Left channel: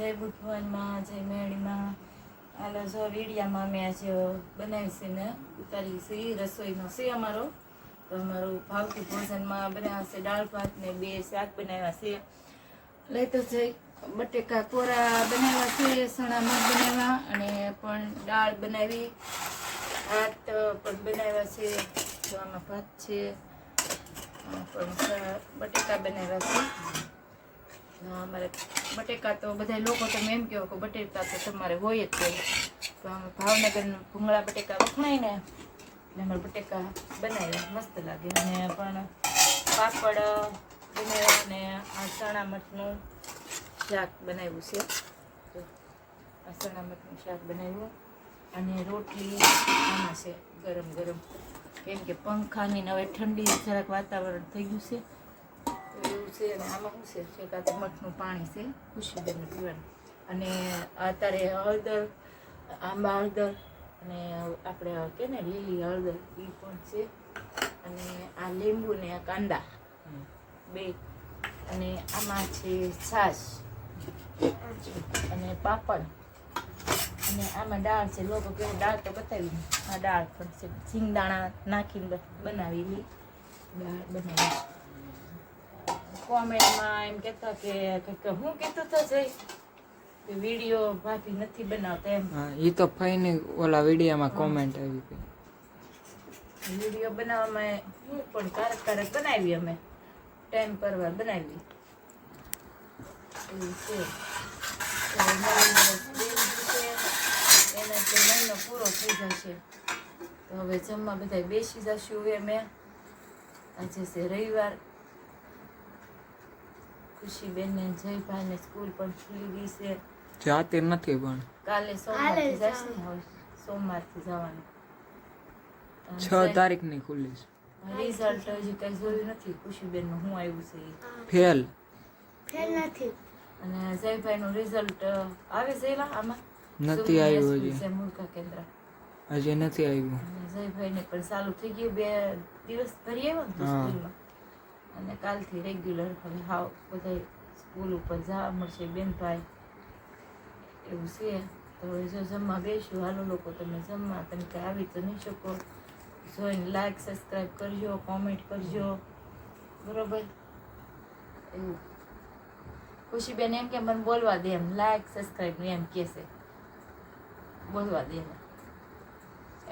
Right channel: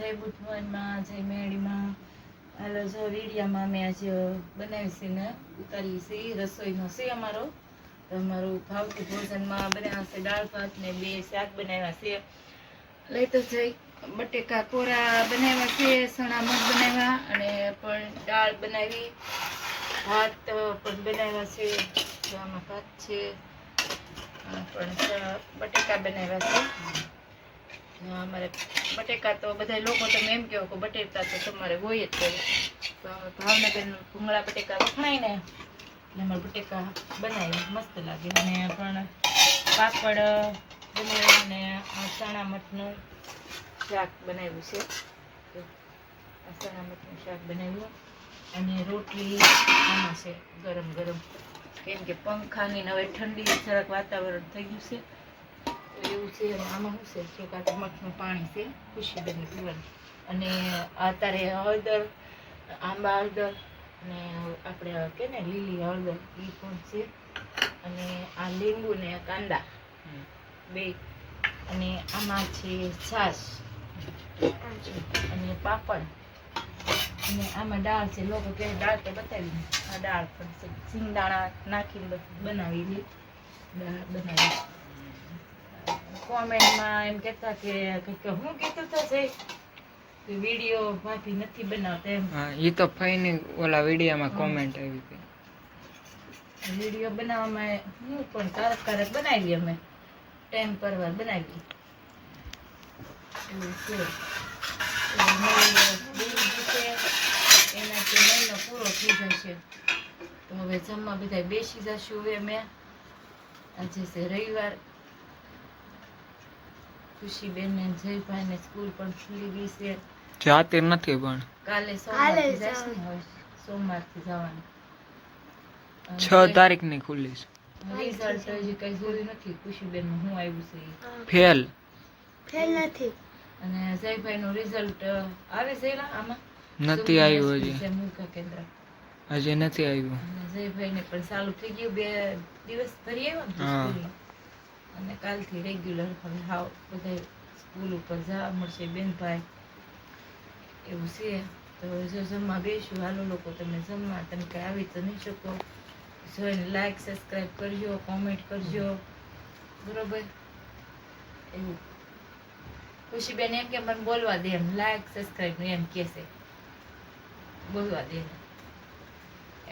જય બુટવનમાં જય મેળીમાં. હાલો, જો વીડિયામાં અમે આજે બનાવી છે ને, ઉતારી છે રસોઈનો. છે અમારો? તો અમારું ભાવતું ભોજનમાં બનાવ્યા છે દાળ ભાત ને બે શાક બનાવ્યા છે. લઈ તો જઈ. બટેકા કોરા બનાવ્યા છે, સણા મગ બનાવ્યા અને પણ દાળ બનાવી. ભાત પણ બનાવ્યા છે. આમાં ભાત છે પણ બટેકા બનાવ્યા છે. અમારે બટેકા તો બધા લોકો તમે એમ કહો કે બટેકા તો તમારે હોય જ તો અમે ભાવનગરનું ભૂંગળા બટેકા વખણાય ને એટલે અમારે બટેકા બનાવ્યા મસ્ત લાગે. અને પણ પાપડ બનાવ્યા અને આ ચણા મઠનું શાક બનાવ્યું છે. આ ચણા મઠનું શાક બનાવ્યું. અને રોટલી આમાં છે ગરમ ગરમ. કેમ કે પંખાની હવે ઠંડી જરાક વાતાવરણ થઈ ગયું છે. તો છે અને આમાં શું છે કે કાંતો મઠનું પાણી છે ખુશીબેનને પીવાનું. અને અત્યારે હળદર આંબા હળદર અને આપણે કે ને લીલી હળદર એ પણ છે. અને આ લીંબુ ને કાંદા બે. અને આમાં છે છાશ અને પાપડ. અને આમાં દાળ છે. લોકો કે દાળ તો બતાવી આ દાળ પણ છે. સિંગદાણા નાખીને બનાવી બનાવેલી દાળ બનાવી કોમેન્ટમાં એમ કહેતા કે હું કીધું તો જઈ કે વીડિયો ભાભી નથી બનાવતા એમ. હા એ તો ફાઈન ઓલા વિડીયોમાં કોમેન્ટ આવી હતી વીડિયો બનાવવામાં હું પણ કારક કારક બનાવી અમે. ટાઈમ પર વાર બનાવી એવું છે. એનાથી મહિનો પૂરો થઈ જશે. તો હવે જમવા બધા બેસી જશું હવે મેં આજે છે રવિવાર. ખુશીબેન ને જયભાઈ ને સ્કૂલ પણ ખુલી ગઈ છે. જાતે નથી પણ. કાલે સોમવારથી જશે ને હવે સોમવારથી જવાનું. છ છ તારીખની ખુલ્લી છે. રિઝલ્ટ હજી કઈ જોયું નથી. ખુશીબેનનું હું આવ્યું છે ફેલ. ફેલ નથી. અને જયભાઈ નું રિઝલ્ટ આવે છે આમાં? નથી આવ્યું હજી. છે મૂર્ખા કેન્દ્ર? હજી નથી આવ્યું. જયભાઈ ને પણ ચાલુ થઈ ગયું બે દિવસ ભરી આવ્યો ને અને કાલથી રેગ્યુલર હવે હાવ બધા સ્કૂલ ઉપર જવા મળશે બેનભાઈ. એવું છે. તો હવે જો જમવા બેસું, હાલો લોકો તમે જમવા, તમે કંઈ આવી તો નહીં શકો. જોઈને લાઈક સબસ્ક્રાઈબ કરજો કોમેન્ટ કરજો. બરોબર? એવું. ખુશીબેન એમ કે મને બોલવા દે એમ લાઈક સબસ્ક્રાઈબ એમ કહેશે બોલવા દે એને.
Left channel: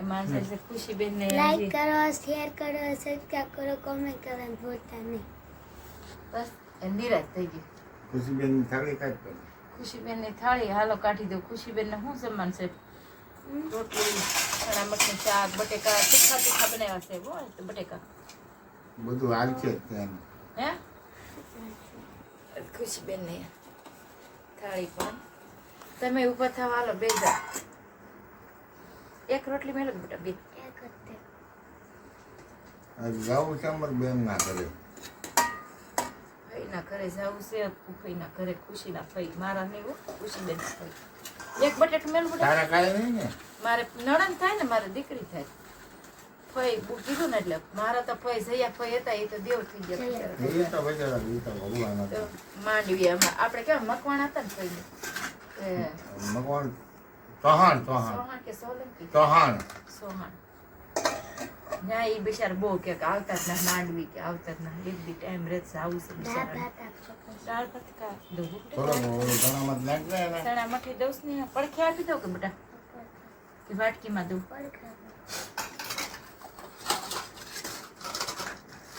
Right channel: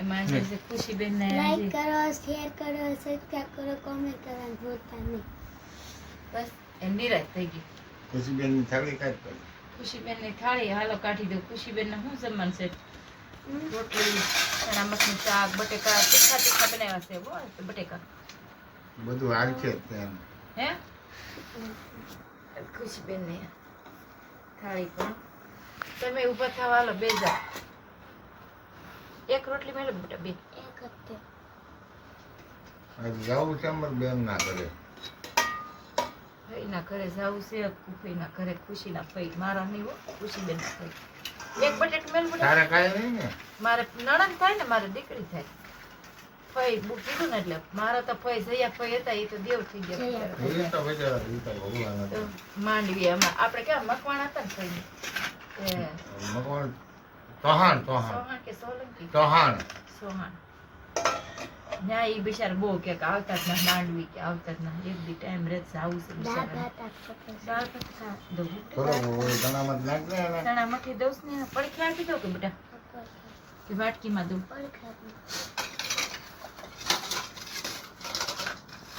એમાં છે છે ખુશીબેન ને લાઈક કરો શેર કરો સબસ્ક્રાઇબ કરો કોમેન્ટ કરો ભૂલતા નહીં. બસ નિરાશ થઈ ગઈ. ખુશીબેન થાળી કાઢ પડી. ખુશીબેનની થાળી હાલો કાઢી દઉં. ખુશીબેન ને શું જમવાનું છે? રોટલી એના નું શાક બટેકા તીખા તીખા બનાવ્યા છે હો બટેકા. બધું હાલ છે હે? ખુશીબેનની થાળી પણ. તમે ઊભા થવા હાલો બે જા એક રોટલી મેળો મોટા બે. જાવું છે અમારે બેન ના કરે ફઈના ઘરે જવું છે ફઈના ઘરે ખુશીના ફઈ. મારા નહીં હો ખુશીબેન ના ફઈ. એક બટેટું મેલ બેટા તારા કાય નહીં ને? મારે નણંદ થાય ને મારે દીકરી થાય. ફઈ બુ- કીધું ને એટલે મારા તો ફઈ જયા ફઈ હતા એ તો દેવ થઈ ગયા માંડવી આપણે કેવા મકવાણ હતા ને ફઈ મકવાણ ચૌહાણ ચૌહાણ કે સોલંકી ચૌહાણ સોહાણ ના એ બિચાર બહુ કે કે આવતા જ ના માંડવી કે આવતા જ ના એક બી ટાઈમ રહે આવું છે બિચારા. દાળ ભાત દઉં ચણા દઉં ને પડખે આપી દઉં કે બેટા કે વાટકીમાં દઉં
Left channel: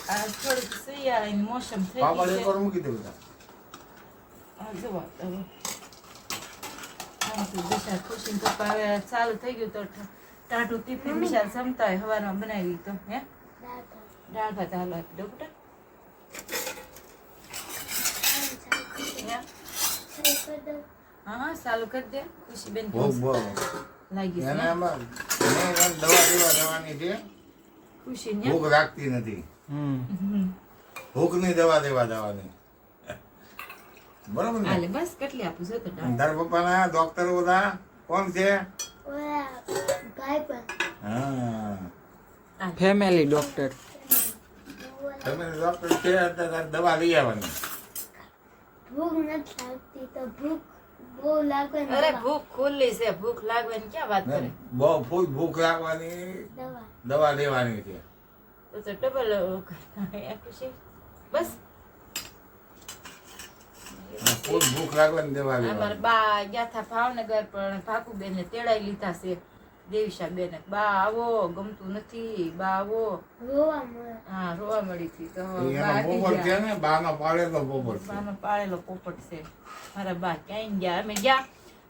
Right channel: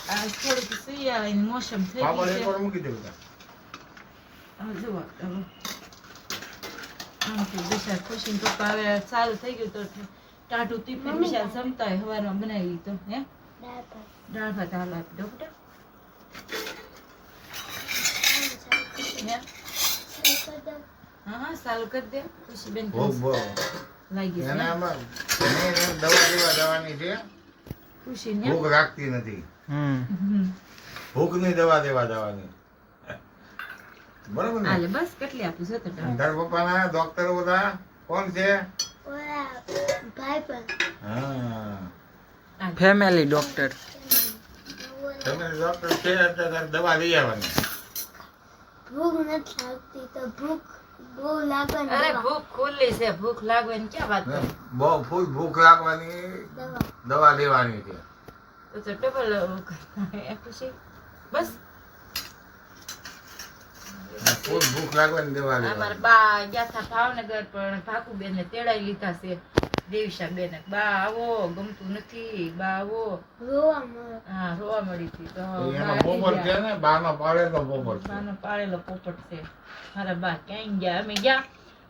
આ થોડુંક શિયાળાની મોસમ થઈ ગઈ છે મૂકી દે હા જુઓ હવે આમથી પપ્પા હવે ચાલુ થઈ ગયું તો ટાઢું ટિફિન બિચાર જમતા હોય સવારમાં બનાવી તો હે? દાળ ભાત. હાલો આપી દઉં બેટા હે? એક જ દાળ. હા હા ચાલુ કરી દે. ખુશીબેન લાગી દવા દેવા દેવાની ખુશી ને ભૂખ રાખતી નથી. હમ. હમ. ભૂખની દવા દેવા દેવાની બરાબર ને? હાલે બસ કેટલી આપું છે તો તારા પપ્પાના ડોક્ટર બધા કોણ છે? હા. ફેમિલી ડોક્ટર છે દવા લઈ આવવાની. ભૂખ નથી લાગતી તો ભૂખ બહુ લાગવાની અરે ભૂખ ખુલ્લી છે ભૂખ લાગવાની ક્યાં વાત કરી? બહુ ફૂલ ભૂખ લાગવાની દવા. દવા લેવાની છે. તો તો ડબલ બસ. ભૂખ દવા અમારા બા ભાવનગર પણ ભાકુબેન ને તેડાઈ લીધા છે દેવીશા બેન બા આવો ગમતું નથી બા આવો. હા રોવા મળી હતી. તો એનો બા હાલી પોપટ છે ને બાનો પાડેલો પોપટ બાનો પાળેલો પોપટ છે. મારા બા ક્યાંય ગયા? અમે ગયા.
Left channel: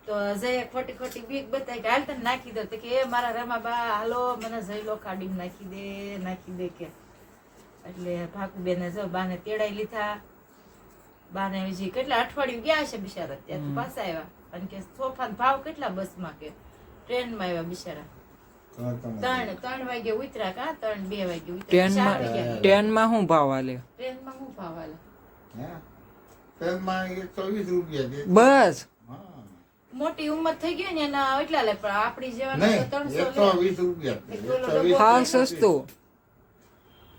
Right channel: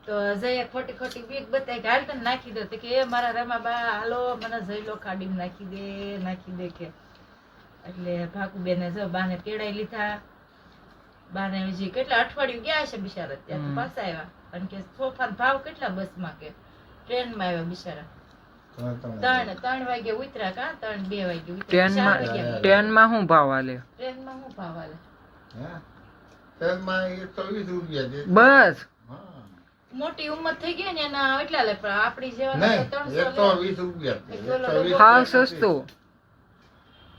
તો જય ખોટી ખોટી બીક બતાવી કે હાલ તને નાખી દો. તો કે એ મારા રમા બા હાલો મને જઈલો કાઢી નાખી દે નાખી દે કે. એટલે ભાકુબેને જો બાને તેડાઈ લીધા. બાને હજી કેટલા અઠવાડિયું ગયા છે બિચારા ત્યાં તો પાછા આવ્યા. અને કે સોફાનો ભાવ કેટલા બસમાં કે ટ્રેનમાં આવ્યા બિચારા? ત્રણ ત્રણ. વાગે ઉતર્યા કા? ત્રણ બે વાગે ઉતર્યા. ટ્રેનમાં ટ્રેનમાં શું ભાવ હાલે ટ્રેનમાં શું ભાવ હાલે ટ્રેનમાં એકસો રૂપિયા બસ. મોટી ઉંમર થઈ ગઈ ને એના એટલા લે પણ આપણી જેવા ત્રણસો વીસ રૂપિયા સસ્તું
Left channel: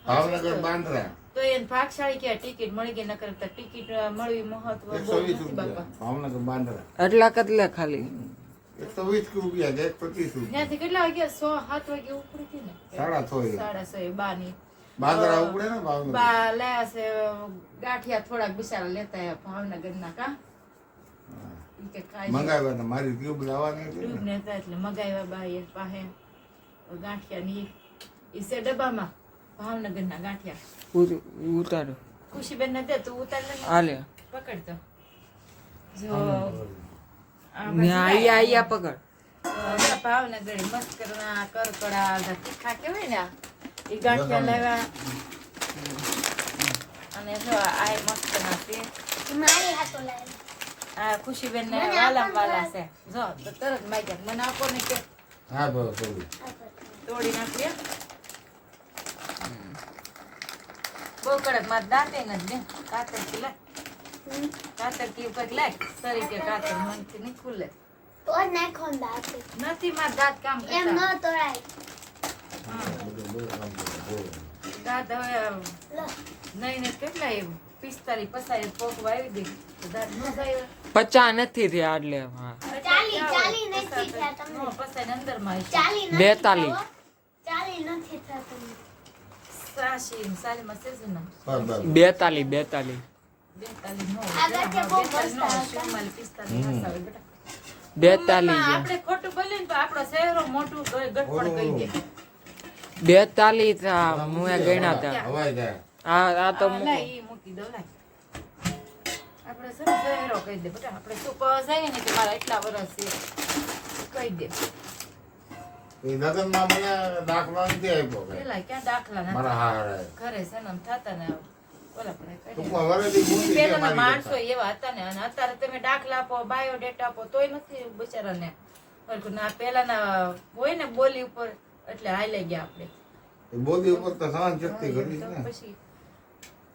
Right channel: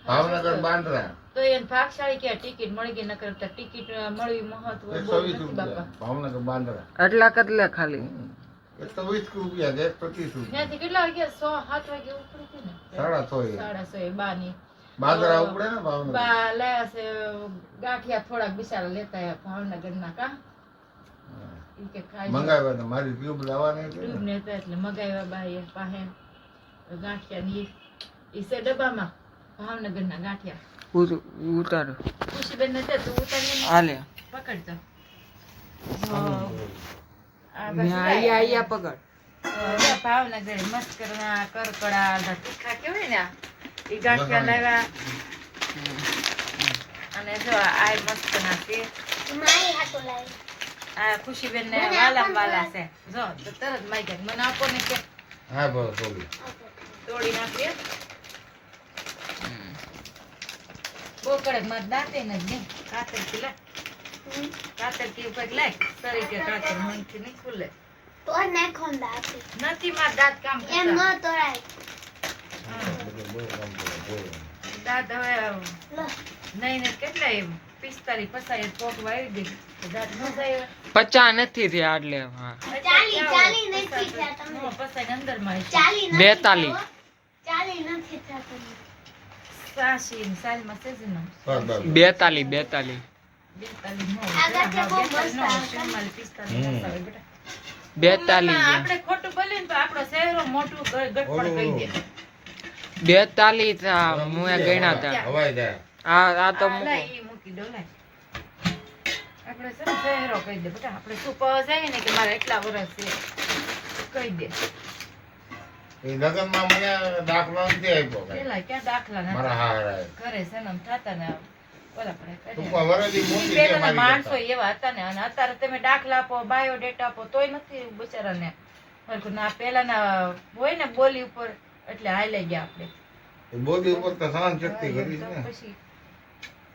ભાવનગર બાંદ્રા. તો એને ભાગશાળી કે ટિકિટ મળી ગઈ નકર તો ટિકિટ મળવી મહત્વ બાપા. ભાવનગર બાંદ્રા. એટલા કતલે ખાલી. એકસો વીસ રૂપિયા છે એકસો ત્રીસ રૂપિયા કેટલા વાગ્યા? સો સાત વાગે ઉપડી હતી ને? સાડા છ સાડા સો એ બાની. બાંદ્રા ઉપડે ને ભાવનગર? બા લાયા છે ગાંઠિયા થોડાક બિચારા લેતા આવ્યા ભાવનગર ના કા ઈ મંગાવ્યા હતા મારી ટ્યુબ લાવવાની ટ્યુબ ને. ને એટલે મગાવ્યા બા પાસે. ગાંઠિયા ની ઈ છે ડબ્બામાં ભાવનગર ના ગાંઠિયા. ઉતારો. ખુશીબેન ને તું ઉતારી હાલે. પકડતો જો. આ ને બાજુ આયા આયા પકડ. ભાવનગર મસ્ત કરના કરકડા તીખા કેવાય ને આ. ગાંઠિયા લાવ્યા. અને જો આ મસ્ત ના છે. આ ખુશીબેન ને વાલા વાલા છે. જો તો તરત ગયા મને આપો ને કે હા તોડી નાખીએ બહુ કડક માર દાંતે નથી ને કાતરથી લે કાતર કી ઉપર લાગ સરી કે કાતર મનથી નહીં ખુલે. તો ને ખોન દાંતી. નથી માર દાંત કામ એમ ન તોડાય. દાંત હવે લો. નહીં ને કેટલા એમ? પિસ્તાલીસ પચાસ પોક વાવી દે. દાંત ન જાય પચા નથી થયા એટલે હા. ચાલી બેતાલી. બેતાલી. બેતાલી કહી મુએ ગણ્યા હતા. આ આ તો મૂકો. દો આપણે શહેરો કહી દે બેટા. આપણે શું જાય ને કે મારા એટલા વર્ષ છે? કહી દે. લગ્નમાં મને દાખલો નથી આપ્યો પેલા ક્યાં દાખલા ના મારા હારા. ઘરે છે થતા ને માણસો એવા હતા ને અને અત્યારે તમે દાખલા આપો બાયોડેટા આપો તોય નથી બિચારાને. ના પેલાના હોય ને બોલી ઉપર એટલે હાલે ગયા આપણે. બોલી ઉપર તો સહન શક્તિ કરી પછી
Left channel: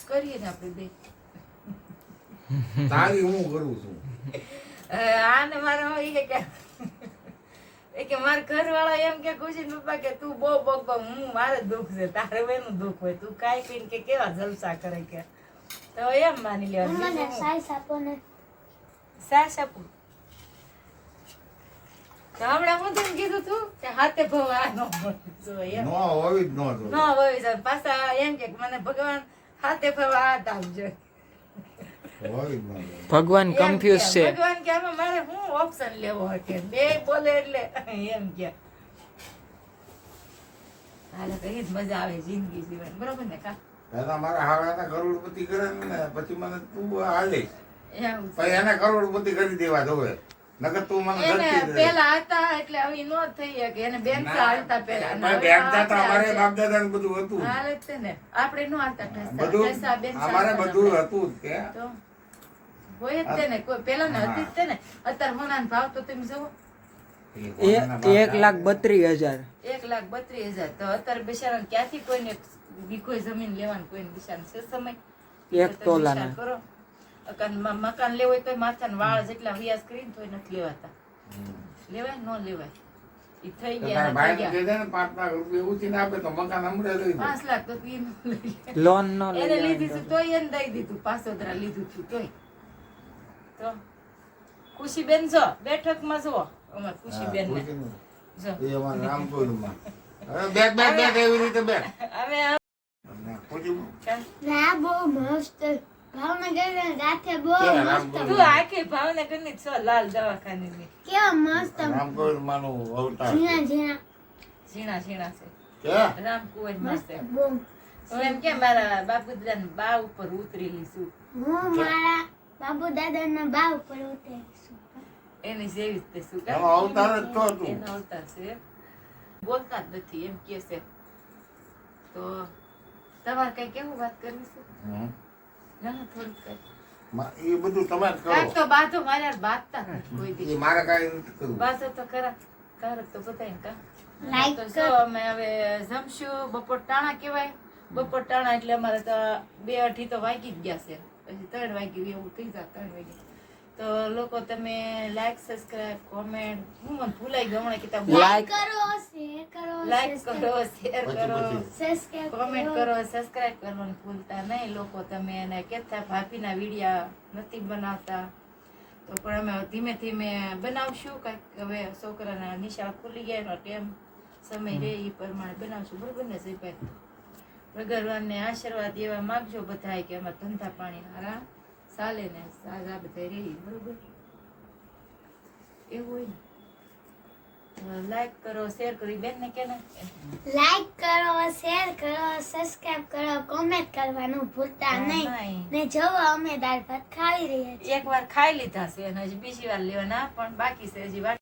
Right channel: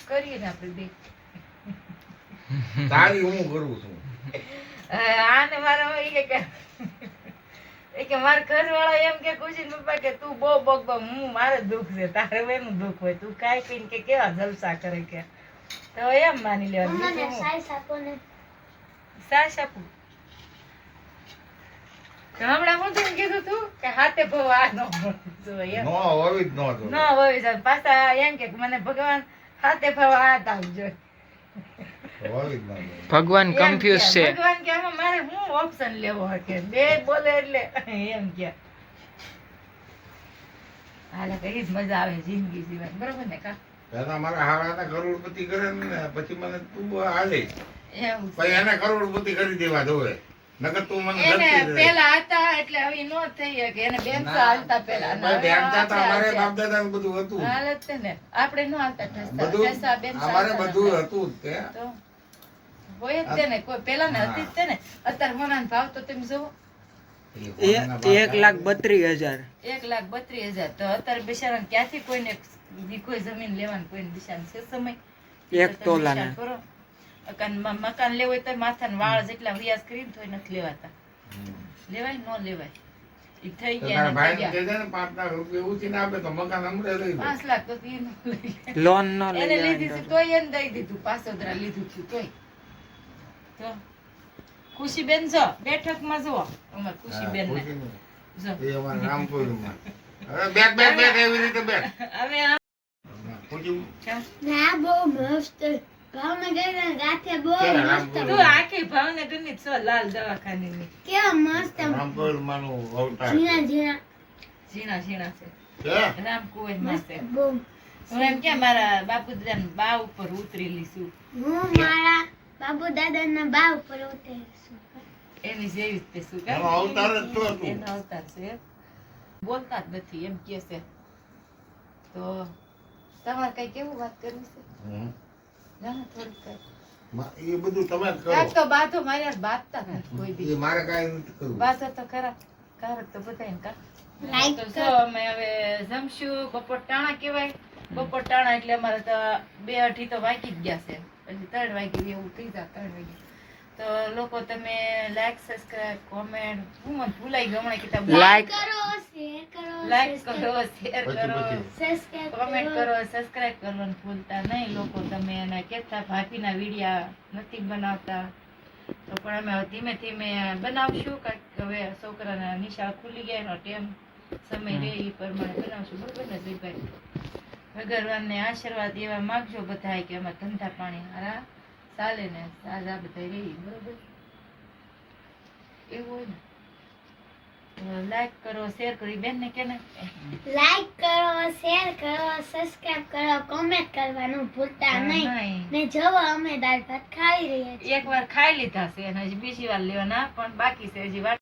કરીએ ને આપણે બે. તારી હું કરું છું? આને મારા હોય કે કે એ કે મારા ઘરવાળા એમ કે ખુશી પપ્પા કે તું બહુ બગ હું મારે દુઃખ છે તારે એનું દુઃખ હોય તું ખાઈ પીને કે કેવા જલસા કરે કે. તો એમ માની લેવાનું. સાસ આપું હમણાં હું તને કીધું તું કે હાથે ભવ આ ન નો હોવી જ ન પાછા એમ કે મને ભગવાન હાથે ભવ હાથ આપજો. ભગવાન કન્ફ્યુઝ છે. ભગવાન કે આમાં મારે શું ઓપ્શન લેવો કે બે બોલે એટલે એમ કે. હાલે કઈ જ મજા આવે જિંદગી જીવન. બરોબર ને કા? દાદા મારા હતા કરોડપતિ કરે ને પછી મને તું હાલે. એમ પછી એને કરોડપતિ કરી દેવા જોવે. નકર તું મને એને ધરતી જ રહે. પેલા હતા એટલે હવે નો થઈ કે એને બેનસા હાલતા પેલા ભાઈ બેનતા તો અમારે બાપ દાદા બધું હતું. હાલત ને. આપણે નો હાલતા બધું અમારે બધું હતું તો? હોય જ તેને કોઈ પેલા ને હતી જ તે ને અત્યારે ભાવ તો તમે જુઓ. એક લાખ બત્રીસ હજાર. એક લાખ બત્રીસ હજાર. તો અત્યારે બિચારાને ક્યાંથી કોઈને કોઈ જમીન લેવાનું કોઈને છે સમય? એક તો કરો. મકાન લેવું હોય તો માથાના વાળ જેટલા વ્યાસ કરીને તોય નથી લેવાતા. લેવાય ન લેવાય. તો તો તી. લોન ન લીધી તોય એને દઈ દીધું પાસોદરા લીધું છું તોય. તો ખુશીબેન જો બેઠકમાં જુઓ. અમાર ખુશીબેન. ને જો. એ અમારા રામપુરમાં. હવે બેઠ, બેઠ, બેઠ, એવી રીતે બેઠ. હવે આ ખુશી, કાં- ના બહુ મસ્ત. ભાવનગર ગાંઠે બહુ ક્યાં મસ્ત રામપુર? તું આખી ભાવનગરની જ છો લાલ કેવા મસ્ત. અવતાર છે. હું એમ કે મારા બાપુદાન બા ઉપર ઉતરેલી છું. હું મારા બાબુ દાદાના બા ઉપર ઉતરે એની જેવી જ તે શું એનો અવતાર જ તો તું. એનો અવતાર છે. બોલતા જ નથી એમ કે છે. તો તમારે કઈ કેવું વાત કરવી છે. ના ના કઈ. એ બધું તમે કરો. કરો તો બાધો મારે બાંધતા નથી કોઈ દી મારે કાંઈ નથી કરવું. બાધો તો ખરા કારક તો બધાય કા. લાઈક તો અમે હવે જમશું બપોર ટાણા કહેવાય. બપોર ટાણા એટલે અમારે તો બે અઢી તો વાગી જ ગયા છે. પછી ત્રણ વાગી એવું થઈ જાય ત્રણ વાગે. તો લોકો તમે લાઈક સબસ્ક્રાઇબ કોમેન્ટ હું મને ભૂલાઈ ગયું હમણાં કીધા લાઈક કરો શેર કરો લાઈક કરો શેર કરો. સબસ્ક્રાઇબ કોમેન્ટ કરો. સબસ્ક્રાઇબ કરવાનું ભૂલતા નહીં લોકો તમે. એને કહેતા ભાભીના વિડીયા નથી બનાવતા. તો પણ અમે ધીમે ધીમે બનાવશું કાંઈક હવે છોકરાના નિશાળ ખુલી ગયા એનો ટેમ. સમય રહે એ પ્રમાણે બનાવશું. બરોબર ને જીભાઈ ભગવાનને આશીર્વાદ એવા માગજો બધા કે અમારા ધંધા પાણી હારા ચાલે ને સાજા બધા રહી બરોબર? એવું હોય ને? લાઈક કરો શેર કરી બેન ને કે ને? લાઈક કરો શેર કરો સબસ્ક્રાઇબ કરો કોમેન્ટ કરવાનું ભૂલતા નહીં. ને જોવો અમે દાળ ભાત ખાઈ રહ્યા છીએ. એક વાર ખાઈ લીધા છે અને હજી બીજી વાર લેવાના પણ બાકી છે હજી